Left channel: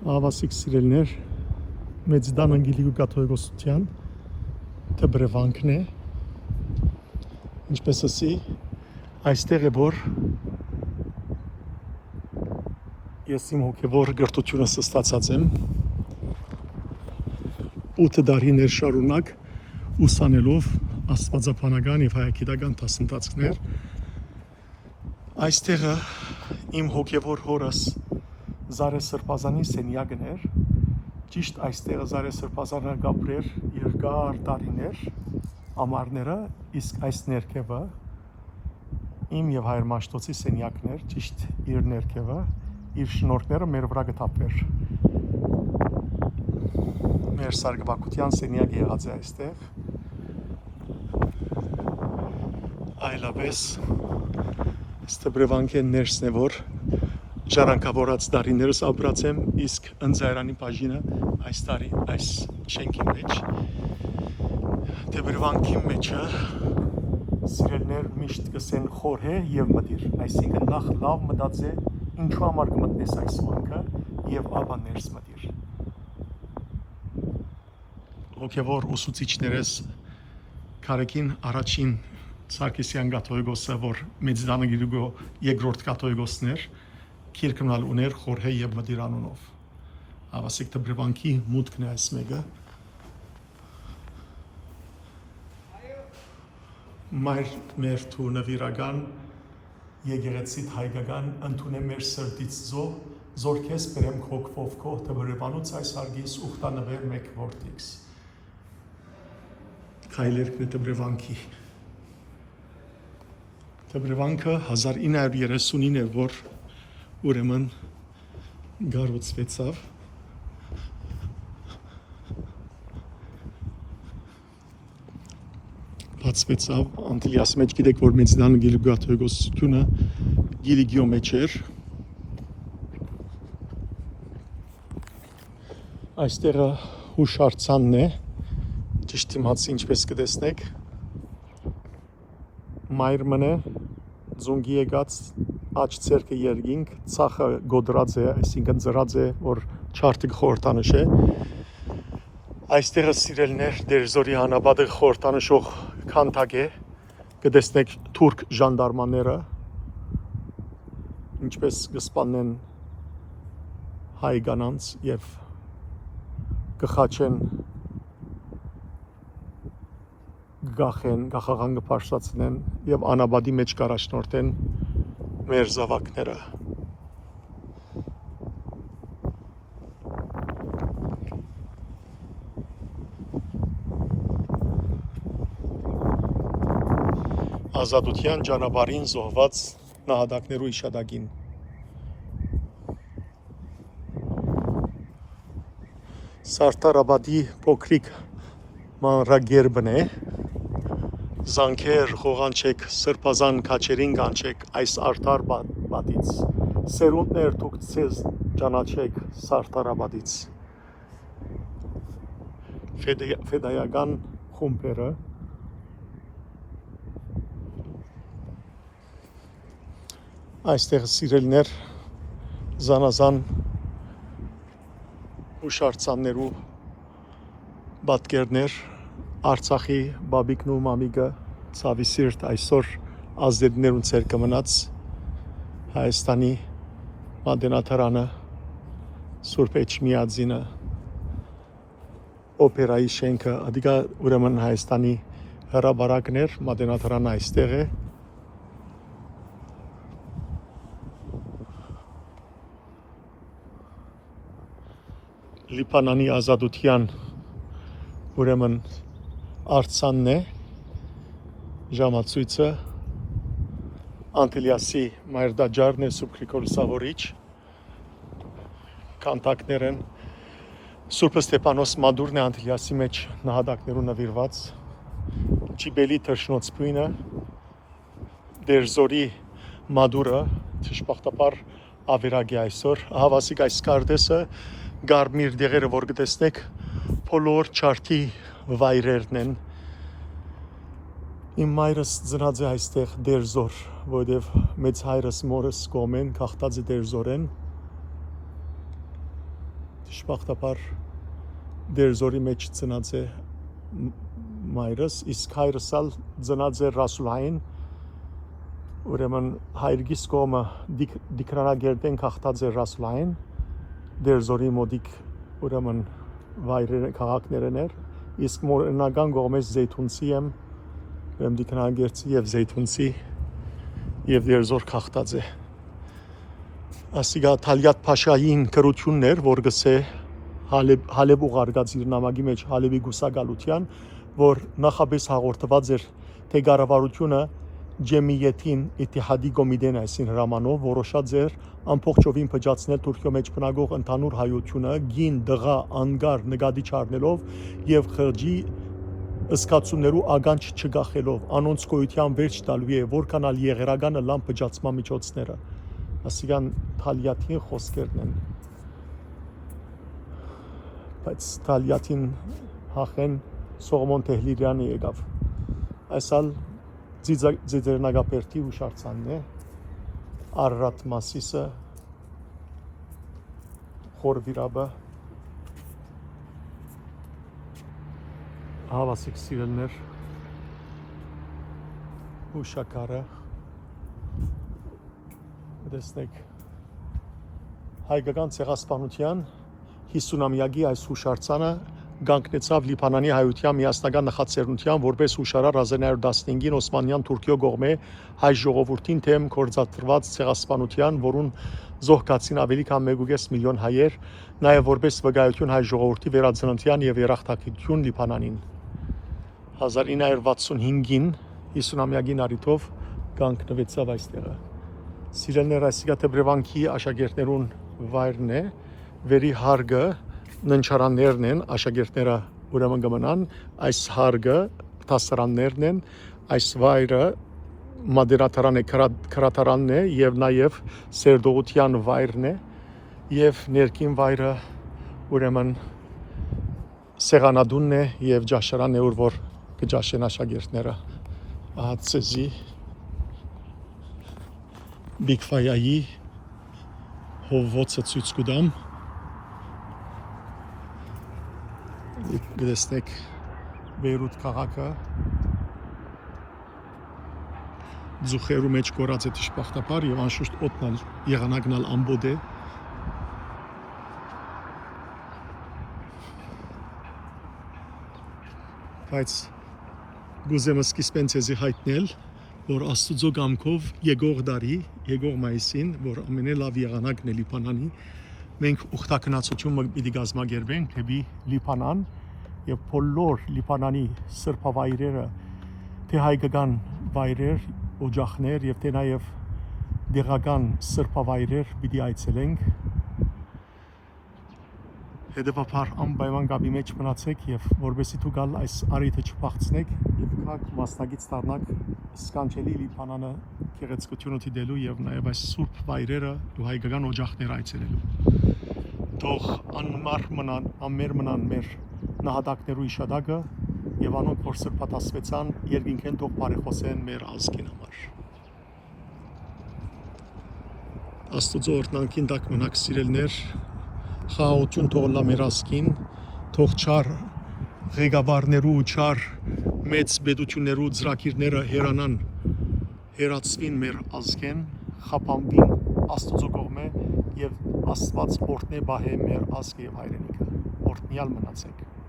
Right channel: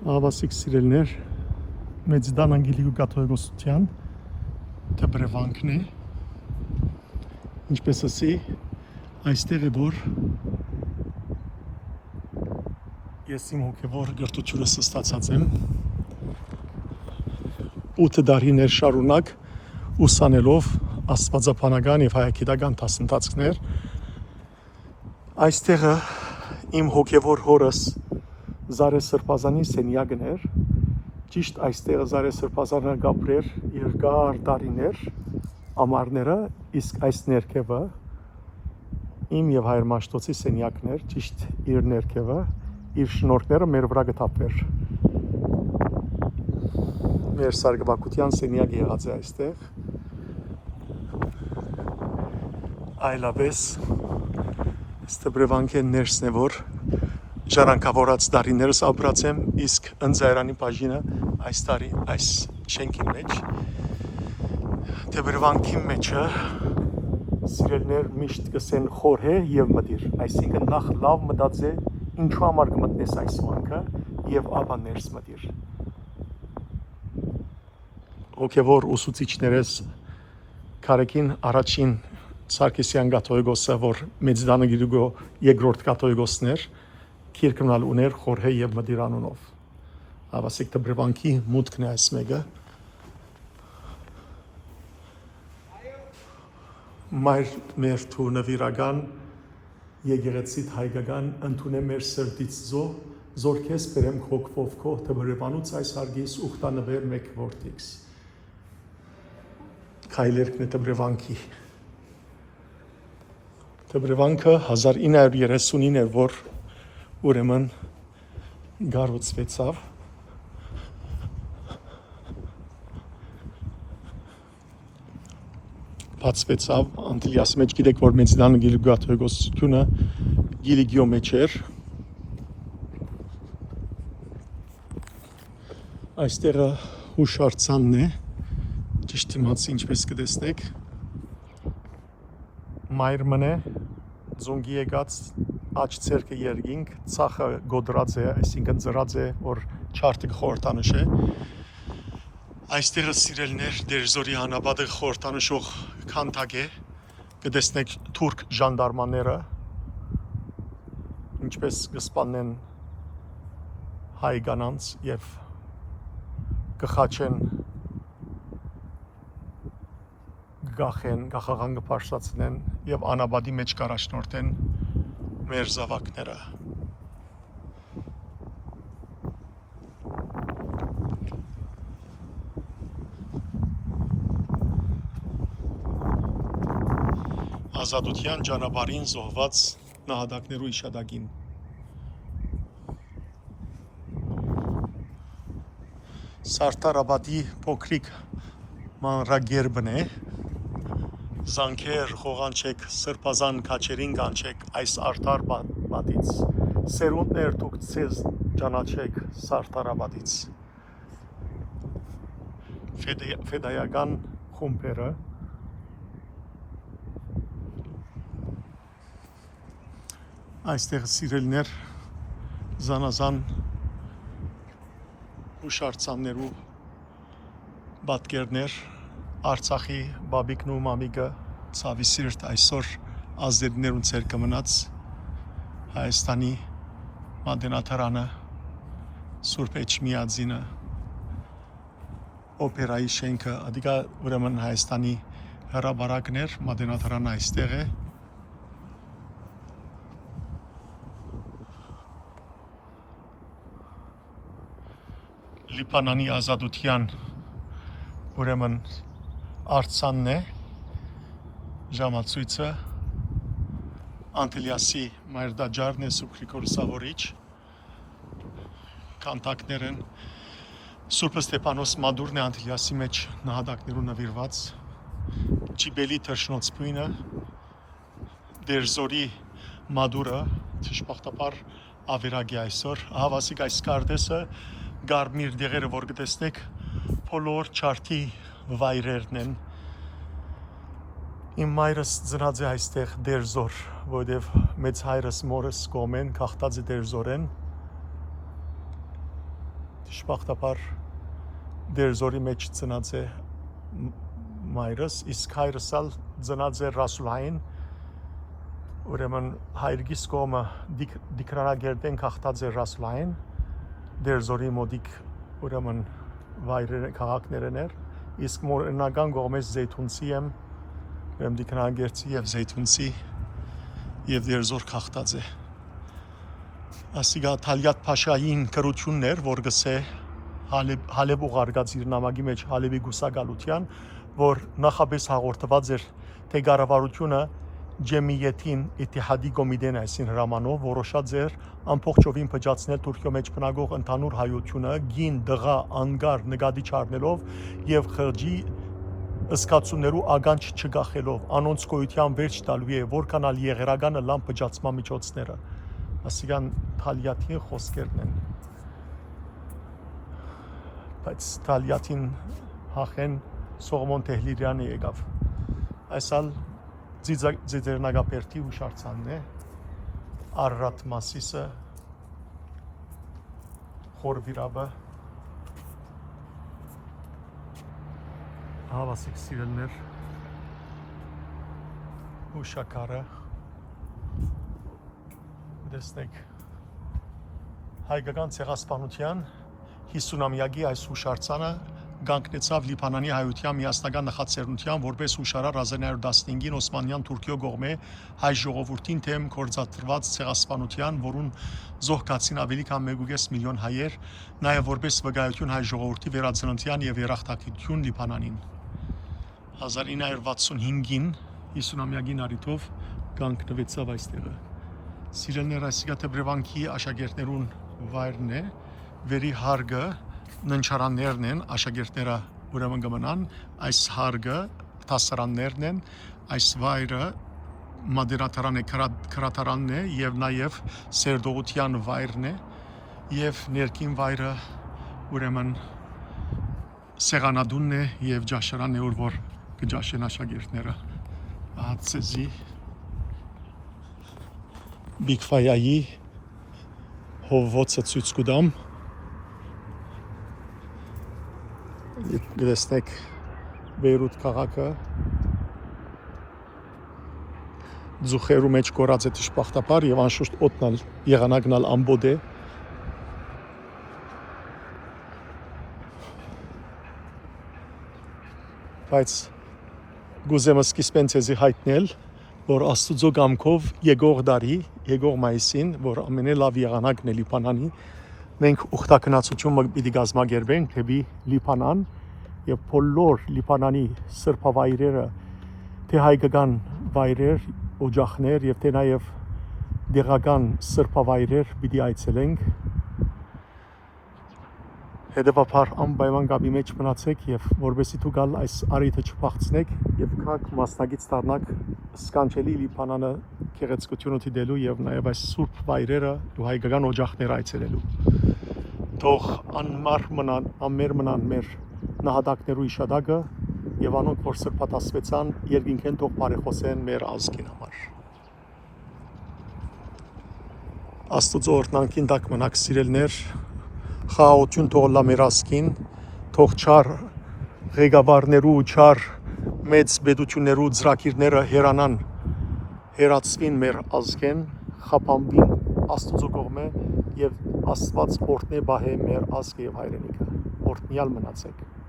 Ավասիկ սիրելներ, մեծդան անգելիգու կաթողիկոսության դբրևանքն է, ինչպես ասի, այստեղ է, որ ես իմ հոգևոր գրտությունս ստացած եմ 8 դարիներ շարունակ ուսանելով աստվածաբանական և հայագիտական դասընթացներ, այստեղը իմ հոգևոր հորս Զարե Սրբազանի սենյակն էր, ճիշտ այստեղ Զարե Սրբազանը գապրեր երկար տարիներ ամառները, իսկ այս ներքևը իմ և հայր Մաշտոցի սենյակն էր, ճիշտ իր ներքևը, իր շնորհքները մեր վրա գտապեր։ Մեր սարգսակության սենյակ եղած է այստեղ, այլապես Ստեբրևանքեն ներսն է, որ ժառանգավորած տարիներս ապրած եմ, իսկ ընձայրանի բաժինը այս տարի այս շենքի մեջ։ Ստեբրևանքի մեջը սիրելներ միշտ կսեն խորհե և մտիր, այսինքն նախ լավ մտածե ինչու համար կմտնես այս վանքը և ապա ներս մտիր։ Հոգևոր ուսուցիչներս Քարեկին առաջին Սարգսյան կաթողիկոսը, որ Մեծդան անգելիգու երկրորդ կաթողիկոսն էր, քիրքնալ ուներ խորհե և մտիր անունով։ Ավասիկ դբրևանքի մուտքն է այս մեկը։ Մայր մեր թու նվիրական եկեղեցիդ հայկական ընդունե մեր սրտից զոր քեզ բերեմ հոգվով քո դբրևանուց այս հարգիս ուխտանվեր մեկ որդիքս։ Քայլերքն է դբրևանքի։ Դբրևանքը 1939 էր, որ ուրեմն գառուցվեցավ։ Բացվեցավ, Անտիլիաս մեջ գիտեք, որ Մեծդան անգելիգու կաթողիկոսությունը գիլիգիո մեջ էր։ Այստեղը հուշարձանն է, ճիշտ իմացի ինչպես կտեսնեք, մայր մնե, ձունգի եկած, աջ ցերկը երկինք, ծախը գոդրած է, այսինքն ծրած է, որ չարտը խորհրդանշ է։ Այստեղը սիրելներ դերձորի հանապատը խորհրդանշող քանդակ է, կտեսնեք թուրք ժանդարմանները, ինչպես կսպանեն հայ կանանց և կխաչեն գախաղան կպարշացնեն և անապատի մեջ կառաջնորդեն մեր զավակները։ Ազատության ճանապարհին զոհված նահատակներու իշադակին։ Սարտարաբադի փոքրիկ մանրագերբն է, զանքեր խողանչեք, սրբազան քաչերին կանչեք այս արդար պատից, սերունդներ դուք ձեզ ճանաչեք Սարտարաբադից։ Ֆեդայական խումբերը այստեղ սիրելներ զանազան հուշարձաններու պատկերներ Արցախի բաբիկն ու մամիկը ցավի սիրտ այսօր ազդեցներուն ցերկը մնաց Հայաստանի մատենաթարանը Սուրբ Էջմիածինը օպերայի շենքը ադիգա ուրեմն Հայաստանի հրաբարակն էր մատենաթարանը այստեղ է Լիբանանի ազատության ուրեմն արձանն է ժամացույցը Անտիլիասի մայրդաջարն է Սուրբ Գրիգոր Սավորիչ քանդակներ են Սուրբ Ստեփանոս մադուրն է Անտիլիասի մեջ նահատակներու նվիրված Ջիբելի թռչնոցփույնը Դերձորի մադուրը ճշմարտաբար ավերակ է այսօր հավասիկ այս կարդեսը Գարմիր դեղերը որ կտեսնեք բոլոր չարքի վայրերն են Իմ մայրս ծնած է այստեղ Դերձոր, որովհետև մեծ հայրս մորս կողմեն քաղտած է Դերձորեն Դժբախտաբար դերձորի մեջ ծնած է մայրս, իսկ հայրս ալ ծնած է Ռասուլային, ուրեմն հայրգիս կողմը դիկրանագերդեն քաղտած է Ռասուլային, դերձորի մոդիկ ուրեմն վայրերը քաղաքներն էր, իսկ մորենական կողմից Զեյթունցի եմ, ուրեմն դիկրանագերդի եւ Զեյթունցի եւ դերձոր քաղտած է։ Ասիգա Թալյատ Փաշային կրություններ, որ գսե Հալեբ ուղարկած իր նամակի մեջ Հալեբի գուսակալության, որ նախապես հաղորդված էր, թե կառավարությունը Ջեմիյեթին Իթիհադի կոմիտեն այսին հրամանով որոշած էր ամբողջովին փճացնել Թուրքիո մեջ բնակող ընդհանուր հայությունը գին դղա անգար նկատի չառնելով եւ խղճի ըսկացումներու ագանջ չգախելով անոնց գոյության վերջ տալու է որքանալ եղերականը լամ փճացման միջոցները ասիգան Թալյատի խոսքերն են բայց Թալյատին հախեն Սողոմոն Թեհլիրյանը եկավ այսալ Ձիձերնագապերտի հուշարձանն է Արարատ Մասիսը Խորվիրաբը Հավասիկ սիրելներ հուշակարը դեսնեք հայկական ցեղասպանության 50-ամյակի այս հուշարձանը գանկնեցավ Լիբանանի հայության միասնական նախաձեռնության որպես հուշարար 1915-ին Օսմանյան Թուրքիո կողմէ հայ ժողովրդին թեմ կործադրված ցեղասպանության, որուն զոհկացին ավելի քան 1.5 միլիոն հայեր, նաև որպես վկայություն հայ ժողովրդի վերածննդյան եւ երախտագիտություն Լիբանանին։ 1965-ին 50-ամյակին առիթով կանգնվեցավ այստեղը։ Սիրելներ, այսիգա Թեբրևանքի աշակերտներուն վայրն է, վերի հարգը ննչարաններն են, աշակերտները ուրեմն կմնան, այս հարգը դասարաններն են, այս վայրը մադերատարան է, քրատարանն է եւ նաեւ սերդողության վայրն է եւ ներքին վայրը ուրեմն սեղանադունն է եւ ջաշարանն է, որ կջաշեն աշակերտները։ Ահացեզի Բիգֆայայի հովոցը ցույց կտամ։ Գտեսնեք Բեյրութ քաղաքը ձուխերու մեջ կորած է դժբախտաբար եւ անշուշտ օդն եղանակն ալ ամբոդ է բայց գուզեմ սկիզբեն ցեզի հայտնել որ Աստուծո գամքով եկող դարի եկող մայիսին որ ամենալավ եղանակն է Լիբանանի մենք ուխտակնացություն պիտի գազմագերբենք դեպի Լիբանան եւ բոլոր Լիբանանի սրբավայրերը թե հայկական վայրեր, օջախներ եւ թե նաեւ դեղական սրբավայրեր պիտի այցելենք։ Հետևաբար անպայման կապի մեջ մնացեք եւ որովհետեւ դուք գալ այս արիթը չփախցնեք եւ քաք մասնագից դառնաք սկանչելի Լիբանանը գեղեցկությունը դիտելու եւ նաեւ այս սուրբ վայրերը ու հայկական օջախներ այցելելու։ Թող անմար մնան, ամեր մնան մեր նահատակներու իշադակը եւ անոնք որ սրբատասվեցան երկինքեն թող բարեխոսեն մեր ազգին համար։ Աստուծո օրհնանքին տակ մնաք սիրելներ, խաղաղություն թող լա մեր ազգին, թող չար ղեկավարներու չար մեծ բեդություններու ծրագիրները հերանան, հերացվին մեր ազգեն, խափանվին Աստուծո կողմէ եւ Աստված օրհնե բահե մեր ազգը եւ հայրենիքը։ Օրհնյալ մնացեք։